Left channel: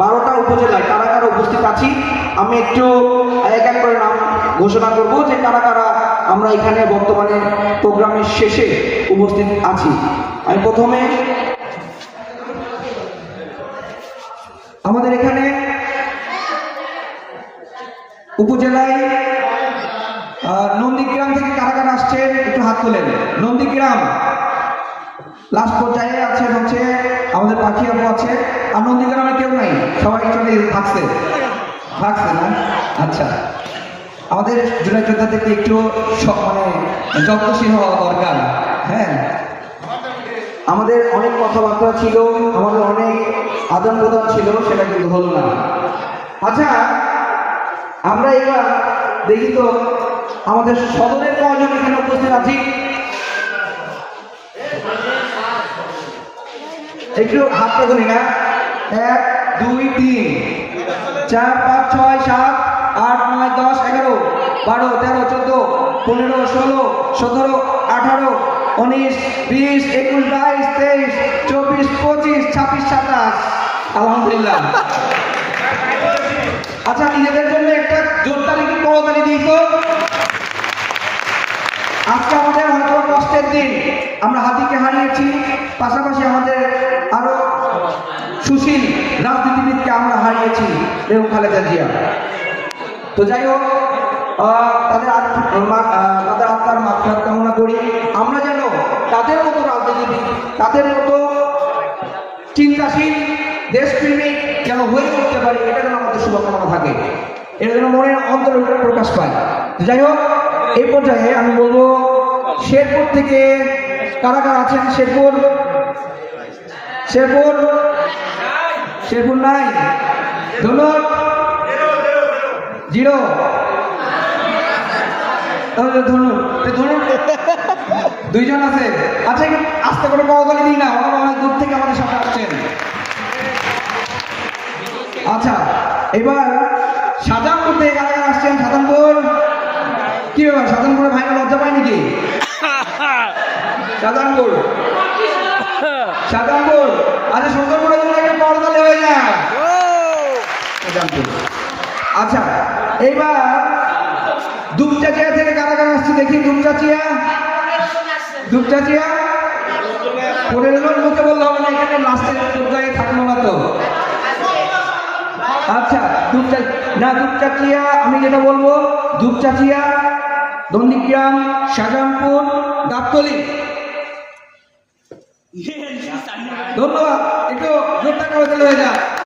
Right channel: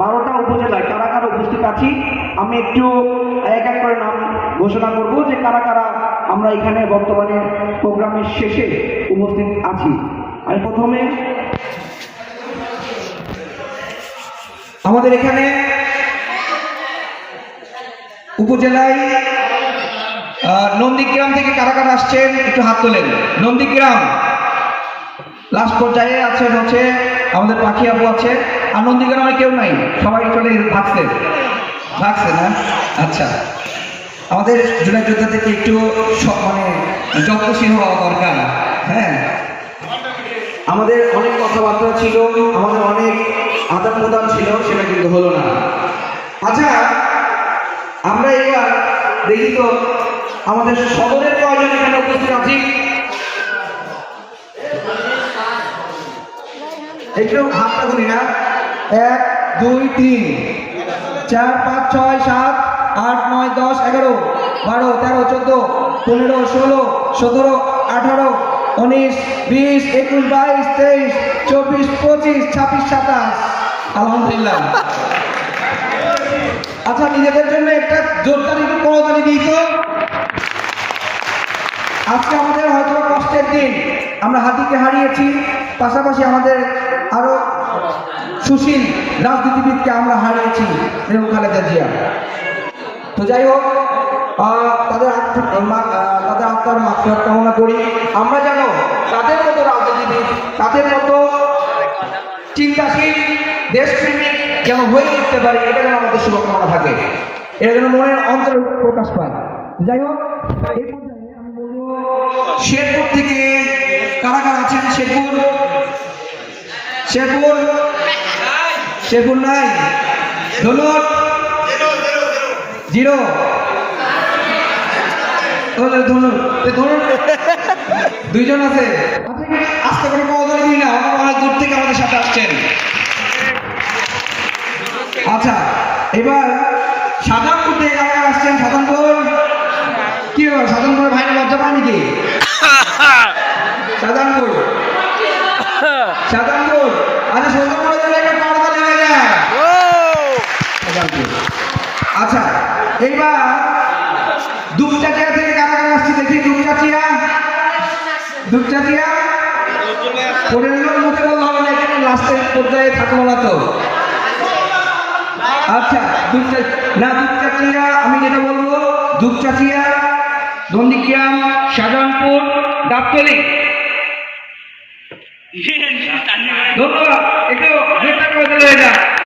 12টা উপজেলায় কারা কারা উপস্থিত আছি আমি একটু এক এক করে নাম ঘোষণা করব যে কারা কারা আমরা এখানে বর্তমানে প্রোগ্রামের শেষে উপস্থিত আছি। আমি প্রথমে আমাদের এখানে উপজেলায় নন্দীগ্রাম থেকে কারা কারা আসছেন একটু হাত তোলেন। নন্দীগ্রাম লাস্ট পর্যায়ে আছে হচ্ছে আমাদের পাখি আপু আছে। আর নন্দীগ্রামে কেউ নাই, সবাই চলে থাকছে না? আচ্ছা, আমাদের জেলা যোদ্ধা থেকে একটু মানে যত্নশীল হওয়া দরকার। হ্যাঁ, আমাদের অনেক কথাবার্তা ছিল, আমাদের অনেক আদান প্রদান ছিল, সেটা কিন্তু হলো না। আচ্ছা, আমরা এবার দেখি তো আমাদের সদরের কয়জন এখানে উপস্থিত আছি, একটু হাতটা ধরি না। 1 2 3 4 5 6 7 8 9 10 11 12 13 14 15 16 17 18 19 20 21 22 23 24 25 26 27। আলহামদুলিল্লাহ। আচ্ছা, নিজেদের জন্য একটা জোরদার একটু করতালি দিই তো। আজকে আমাদের হয়তো কষ্টের দিন, আমরা হাতিকে হারিয়েছি, পাশাপাশি আমাদের আরো সুশীল রাজনীতিবিদকে আমরা হারিয়েছি, বেগম খালেদা জিয়া। তো যাই হোক, তাদের আত্মার মাগফিরাত কামনা করি। আমরা যেন তাদের মতো রাজনীতিবিদ, তাদের মতো চিন্তাশীল, দেশপ্রেমিক যেন হয়ে উঠতে পারে, এটা যেন আমাদের শুভকামনা থাকে, এটা যেন মনের অন্তরে প্রকাশ পায়। যাই হোক, এই পর্যায়ে আমি বলবো শেরপুর থেকে কারা কারা আছেন? শেরপুর নাই, ধনুট 0, তাহলে ধনুট 2 জন আছে। আচ্ছা, আস্তে করে করতালি দিই না, অনেক দূর থেকে আমাদের সাথে আসছেন। আচ্ছা, এবার সাজানপুর থেকে কারা আসছেন? সাজানপুর কি ব্যাপার, সাজানপুর ভাই লজ্জা পায় নাকি? সাজানপুর আচ্ছা, সাজানপুরের জন্য একটা করতালি হয়ে যায়। আচ্ছা, এইবার দুপচাচিয়া থেকে কারা কারা আসছে দেখি? দুপচাচিয়া পড়ে এলো, মুখে বলতে হবে না, এখানে লাস্টের পর্যায়ে থাকলো না তো। আচ্ছা, দুপচাচিয়া আমি যেটা বলবো, দুপচাচিয়া, নন্দীগ্রাম, শাহজাহানপুর, ডাবতলী। ধন্যবাদ, একটু জোরটা করে দিলে হয়ে যায়।